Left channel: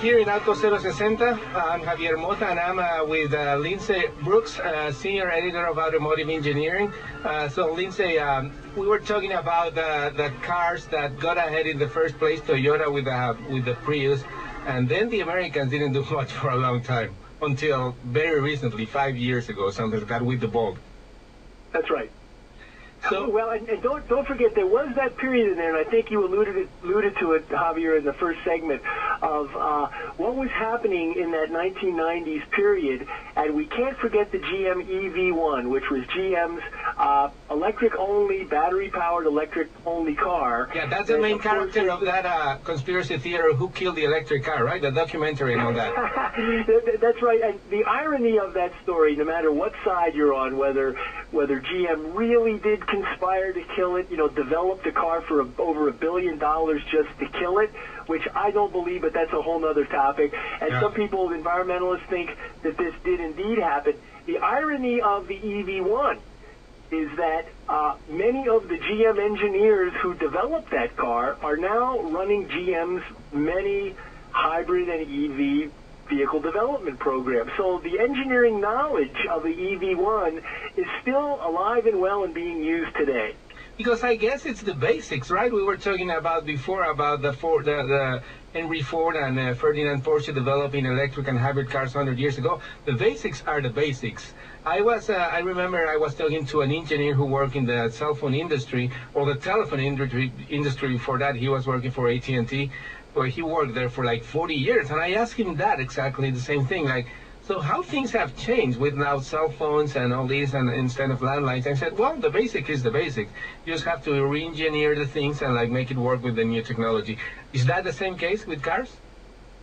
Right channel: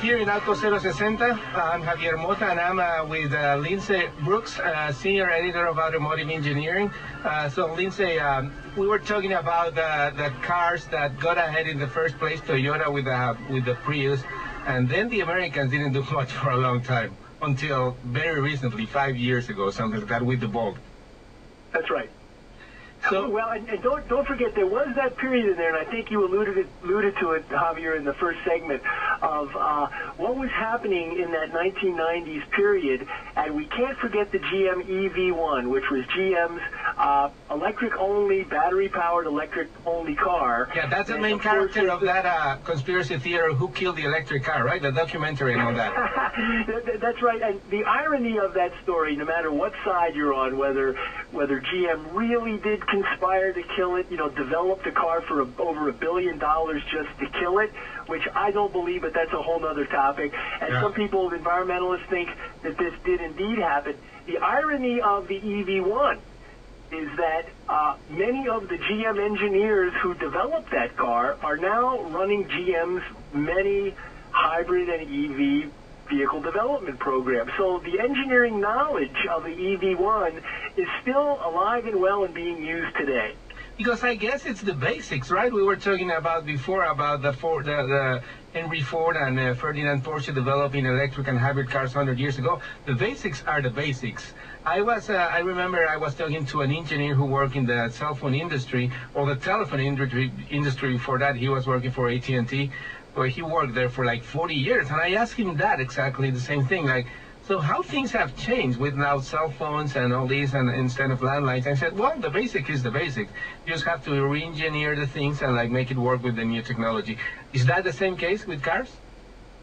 here in Auto 060. I'm Javier Mota, and I'm with Lindsay Brooke, Senior Editor of Automotive Engineering. So, Lindsay, we were talking about the cars that got ahead in the first place, Toyota with the Prius, and then the Americans didn't do much for a long time, until very recently, 5 years ago, something like that, with the Volt. That's right. So, well, and don't forget, there was that period in there, and I think you alluded to it, Javier, in the first segment, of what was happening in that 1990s period, and we can't forget the GM EV1, which was GM's electric-only, battery-powered electric-only car. Yeah, that's the main character of that conspiracy theory, Who Killed the Electric Car, right? The documentary and all that. That's right, and the irony of that story, no matter what side you're on, whether GM really did conspire to kill it, developed a car for over $1 billion just to kill it, which I don't believe, but that's a whole other topic. And some people, environmentalists, think that this did indeed happen. The irony of the EV1 is that many of the GM engineers who developed that car are now running GM's many hybrid and EV vehicle development program. So the engineering knowledge of the EV1 is still alive and well and being used today. Because I guess it's the basics, right? We were talking about before about the Henry Ford and Ferdinand Porsche developing electric and hybrid cars 100 years ago. The basics are the basics. I remember I was talking to an engineer who worked in the cell phone industry, or the telephone industry before that. He was working for AT&T, where he worked there for like 40 years. And I asked him that exactly the same thing, like, so how things have changed with now cell phones and all these, and instead of landlines. I said, well, the basic is the basic. You just have to re-engineer the things and like make it work with the new technology. Is that the same case with cars?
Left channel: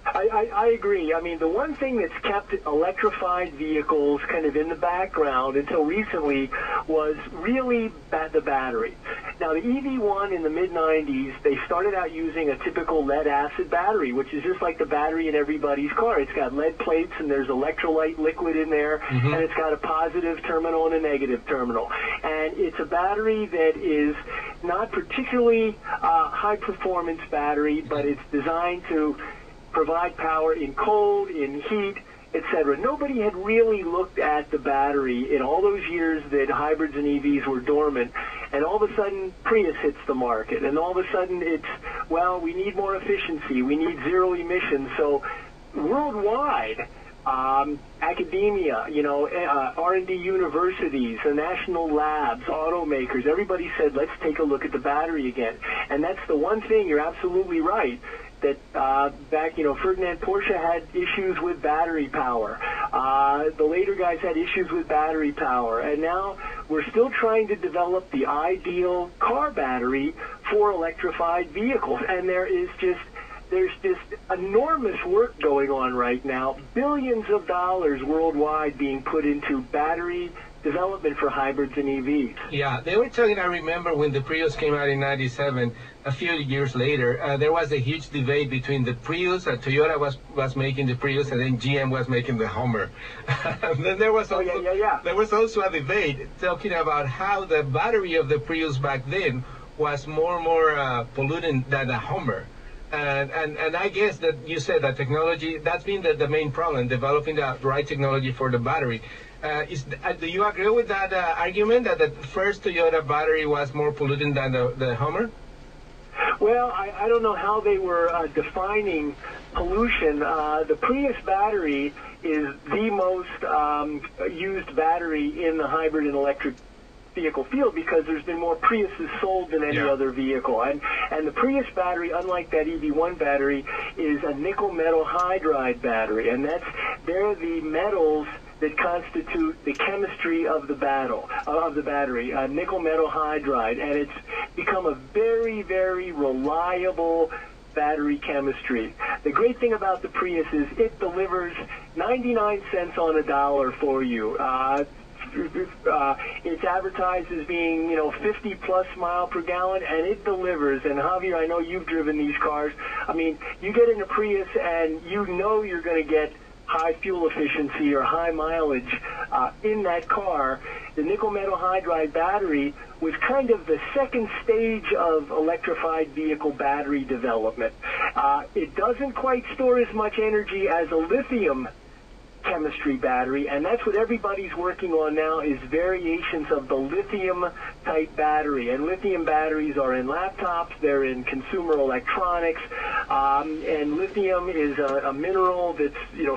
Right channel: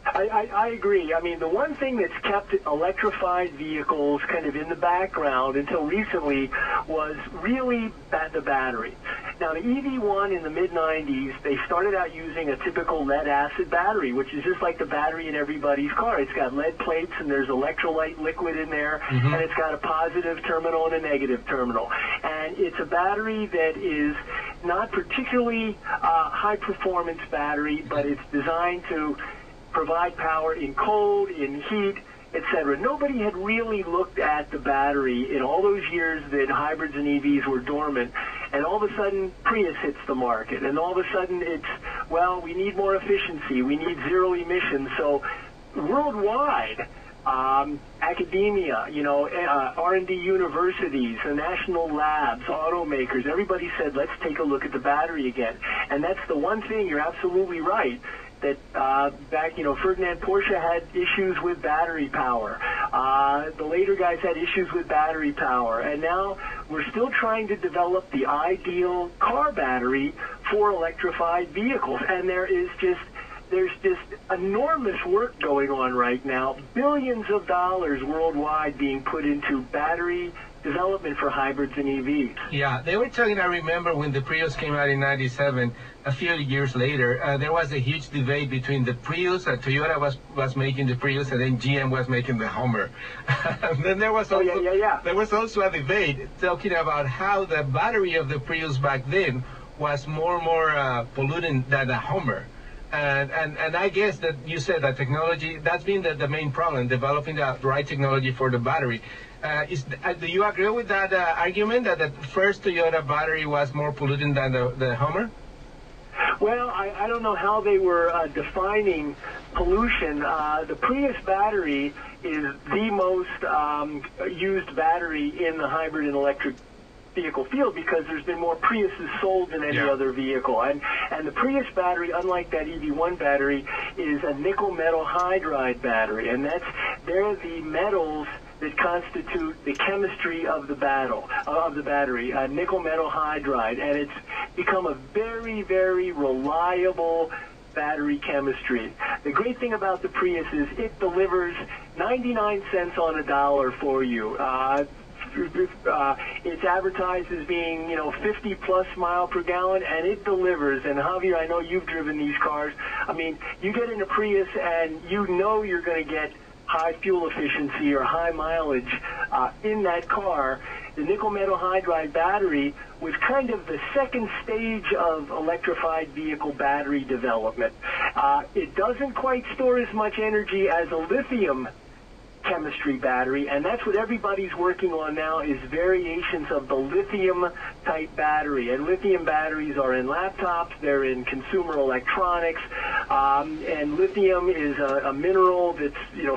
I agree. I mean, the one thing that's kept electrified vehicles kind of in the background until recently was really the battery. Now, the EV1 in the mid-90s, they started out using a typical lead-acid battery, which is just like the battery in everybody's car. It's got lead plates, and there's electrolyte liquid in there, and it's got a positive terminal and a negative terminal. And it's a battery that is not particularly high-performance battery, but it's designed to provide power in cold, in heat, etc. Nobody had really looked at the battery in all those years that hybrids and EVs were dormant, and all of a sudden Prius hits the market, and all of a sudden it's, well, we need more efficiency, we need zero emissions. So worldwide, academia, R&D universities, the national labs, automakers, everybody said, let's take a look at the battery again. And that's the one thing, you're absolutely right, that back, Ferdinand Porsche had issues with battery power. The later guys had issues with battery power. And now we're still trying to develop the ideal car battery for electrified vehicles. And there's just enormous work going on right now, billions of dollars worldwide being put into battery development for hybrids and EVs. Yeah, they were talking, I remember when the Prius came out in 97, a few years later, there was a huge debate between the Prius, Toyota was making the Prius, and then GM was making the Hummer. And then there was also a debate talking about how the battery of the Prius back then was more pollutant than the Hummer. And I guess that you said that technology, that's been the main problem, developing the right technology for the battery. Do you agree with that argument that the first Toyota battery was more pollutant than the Hummer? Well, I don't know how they were defining pollution. The Prius battery is the most used battery in the hybrid and electric vehicle field because there's been more Priuses sold than any other vehicle. And the Prius battery, unlike that EV1 battery, is a nickel metal hydride battery. And they're the metals that constitute the chemistry of the battery, nickel metal hydride. And it's become a very, very reliable battery chemistry. The great thing about the Prius is it delivers 99 cents on a dollar for you. It's advertised as being, 50 plus mile per gallon, and it delivers. And Javier, I know you've driven these cars. I mean, you get in a Prius and you know you're going to get high fuel efficiency or high mileage in that car. the nickel metal hydride battery was kind of the second stage of electrified vehicle battery development. It doesn't quite store as much energy as a lithium chemistry battery, and that's what everybody's working on now, is variations of the lithium type battery. And lithium batteries are in laptops, they're in consumer electronics, and lithium is a mineral that's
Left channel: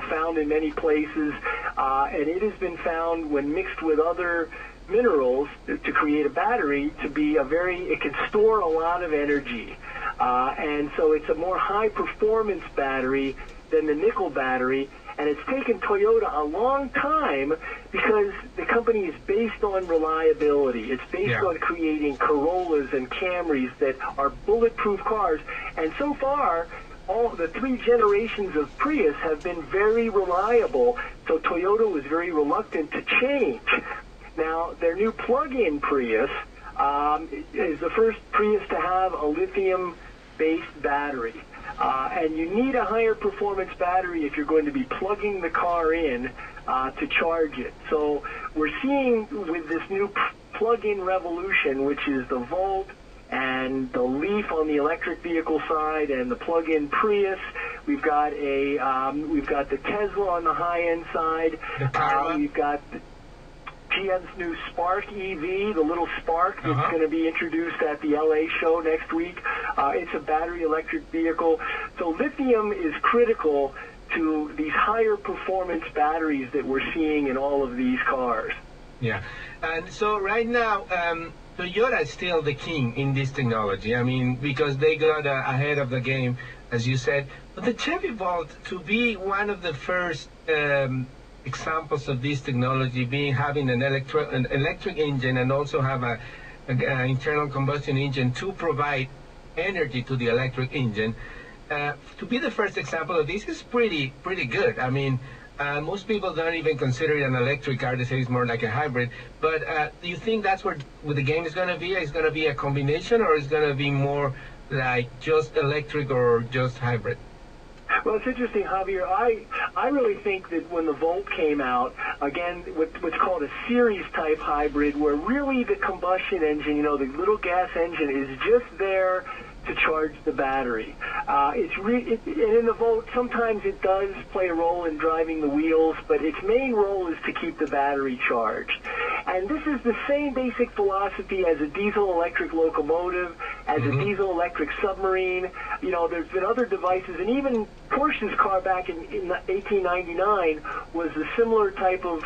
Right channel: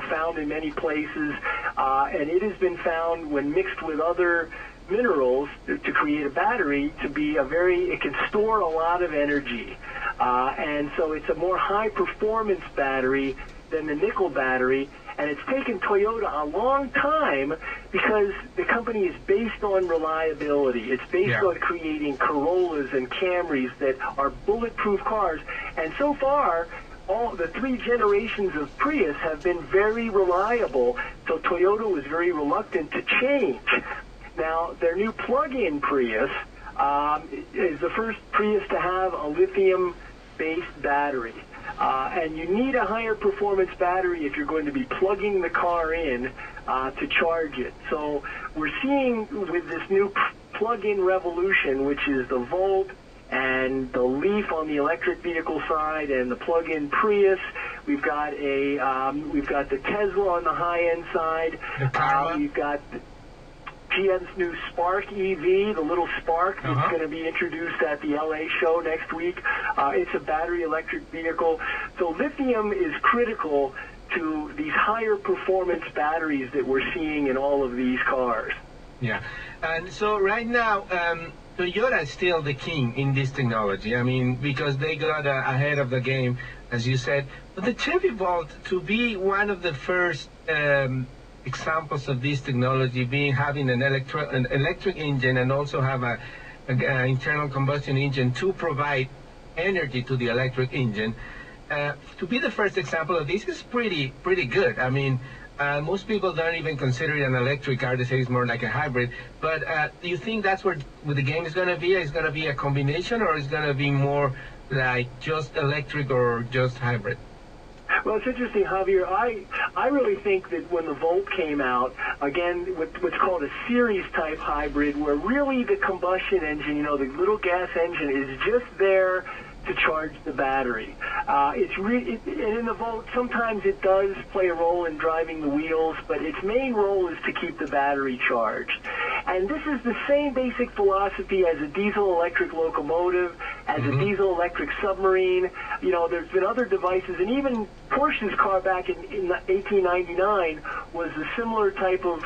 found in many places, and it has been found when mixed with other minerals to create a battery to be it can store a lot of energy, and so it's a more high performance battery than the nickel battery. And it's taken Toyota a long time because the company is based on reliability. It's based on creating Corollas and Camrys that are bulletproof cars. And so far, all the 3 generations of Prius have been very reliable. So Toyota was very reluctant to change. Now, their new plug-in Prius is the first Prius to have a lithium-based battery. And you need a higher performance battery if you're going to be plugging the car in to charge it. So we're seeing with this new plug-in revolution, which is the Volt and the Leaf on the electric vehicle side and the plug-in Prius, we've got the Tesla on the high-end side. We've got GM's new Spark EV, the little Spark that's going to be introduced at the LA show next week. It's a battery electric vehicle. So lithium is critical to these higher performance batteries that we're seeing in all of these cars. Yeah. And so right now, Toyota is still the king in this technology. I mean, because they got ahead of the game, as you said. But the Chevy Volt, to be one of the first examples of this technology, having an electric engine and also have an internal combustion engine to provide energy to the electric engine, to be the first example of this is pretty good. I mean, most people don't even consider it an electric car. They say it's more like a hybrid. But do you think that's where the game is going to be? Is going to be a combination, or is going to be more like just electric or just hybrid? Well, it's interesting, Javier. I really think that when the Volt came out, again, what's called a series-type hybrid, where really the combustion engine, the little gas engine, is just there to charge the battery. And in the Volt, sometimes it does play a role in driving the wheels, but its main role is to keep the battery charged. And this is the same basic philosophy as a diesel-electric locomotive, as a diesel-electric submarine. There's been other devices, and even Porsche's car back in 1899 was a similar type of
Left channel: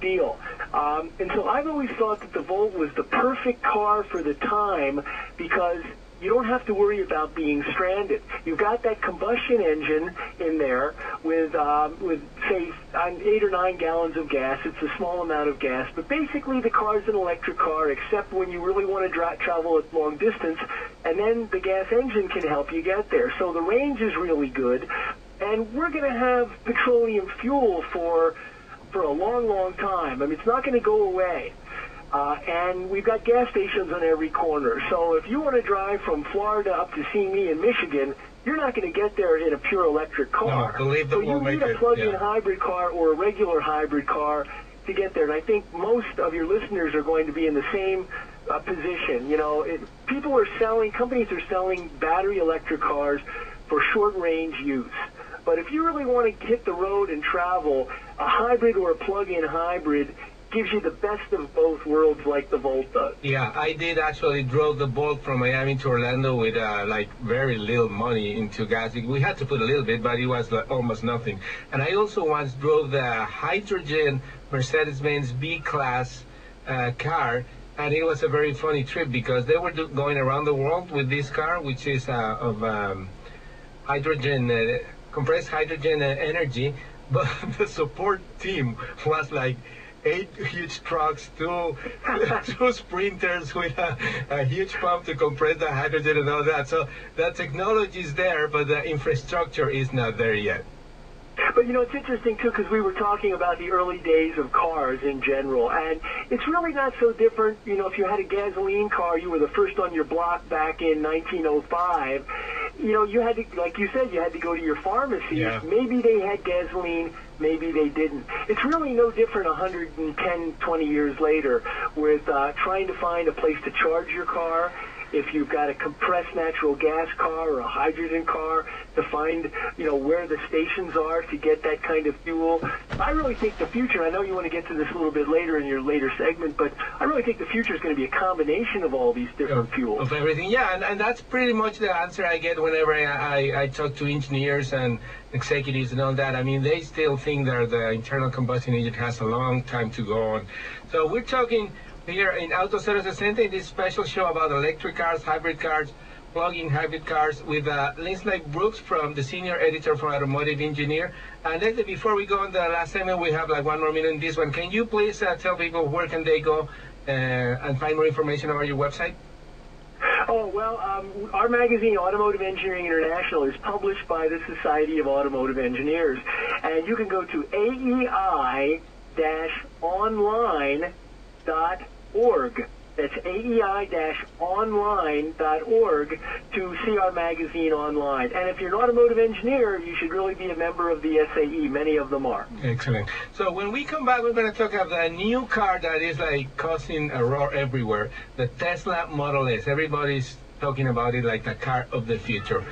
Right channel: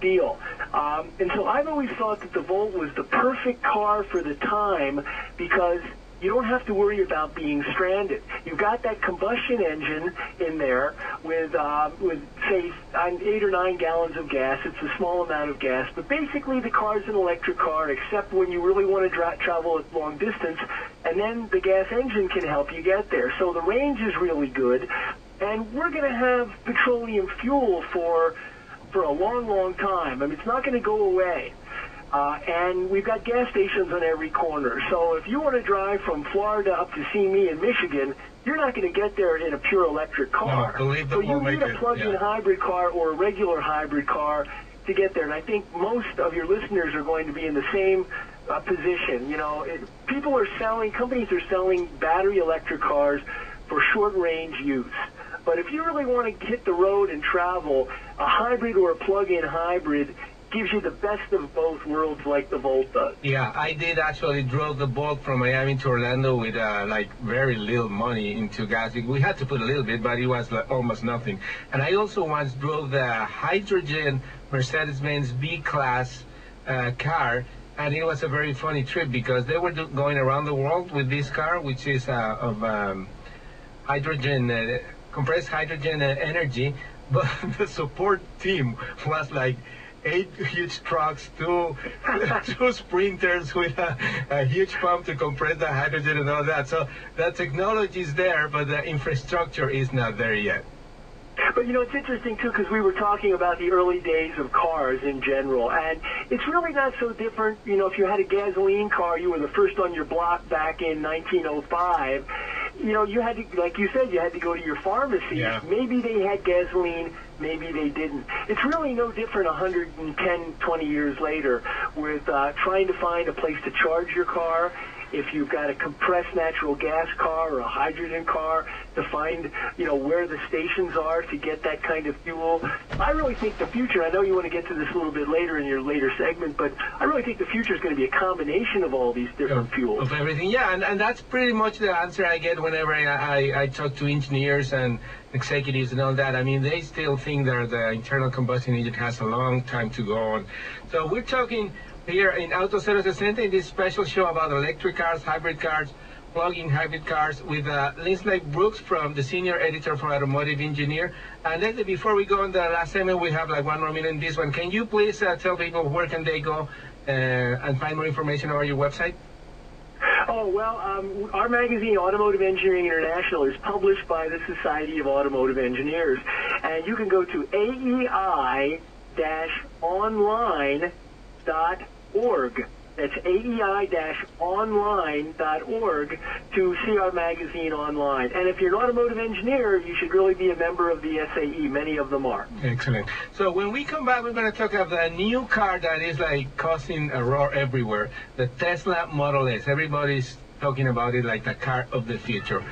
deal. And so I've always thought that the Volt was the perfect car for the time because you don't have to worry about being stranded. You've got that combustion engine in there with say 8 or 9 gallons of gas. It's a small amount of gas, but basically the car's an electric car, except when you really want to travel at long distance, and then the gas engine can help you get there. So the range is really good, and we're going to have petroleum fuel for a long, long time. I mean, it's not going to go away. And we've got gas stations on every corner. So if you want to drive from Florida up to see me in Michigan, you're not going to get there in a pure electric car. No, believe that so you need a plug-in hybrid car or a regular hybrid car to get there. And I think most of your listeners are going to be in the same position. Companies are selling battery electric cars for short-range use. But if you really want to hit the road and travel, a hybrid or a plug-in hybrid gives you the best of both worlds like the Volt does. Yeah, I did actually drove the Volt from Miami to Orlando with very little money into gas. We had to put a little bit, but it was almost nothing. And I also once drove the hydrogen Mercedes-Benz B-Class car, and it was a very funny trip because they were going around the world with this car, which is of hydrogen, compressed hydrogen energy, but the support team was like 8 huge trucks, two sprinters with a huge pump to compress the hydrogen and all that. So the technology is there, but the infrastructure is not there yet. But it's interesting too, because we were talking about the early days of cars in general, and it's really not so different. If you had a gasoline car, you were the first on your block back in 1905. you know, you had to, like you said, you had to go to your pharmacy. Yeah. Maybe they had gasoline, maybe they didn't. It's really no different 110, 20 years later with trying to find a place to charge your car. If you've got a compressed natural gas car or a hydrogen car, to find, you know, where the stations are to get that kind of fuel. I really think the future, I know you want to get to this a little bit later in your later segment, but I really think the future is going to be a combination of all these different fuels. Of everything, yeah, and that's pretty much the answer I get whenever I talk to engineers and executives and all that. I mean, they still think that the internal combustion engine has a long time to go on. So we're talking here in Auto 060 in this special show about electric cars, hybrid cars, plug-in hybrid cars with Lindsay Brooke from the senior editor for Automotive Engineer. And Lindsay, before we go on the last segment, we have like 1 more minute in this one. Can you please tell people where can they go and find more information about your website? Oh, well, our magazine, Automotive Engineering International, is published by the Society of Automotive Engineers. And you can go to AEI-online.org. That's AEI-online.org to see our magazine online. And if you're an automotive engineer, you should really be a member of the SAE. Many of them are. Excellent. So when we come back, we're going to talk about the new car that is like causing a roar everywhere, the Tesla Model S. Everybody's talking about it like the car of the future.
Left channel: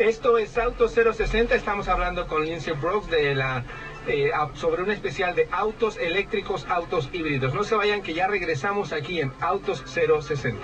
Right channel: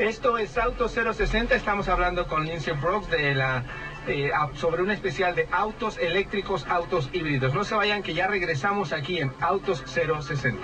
Esto es Auto 060. Estamos hablando con Lindsay Brooke de la sobre un especial de autos eléctricos, autos híbridos. No se vayan, que ya regresamos aquí en Autos 060.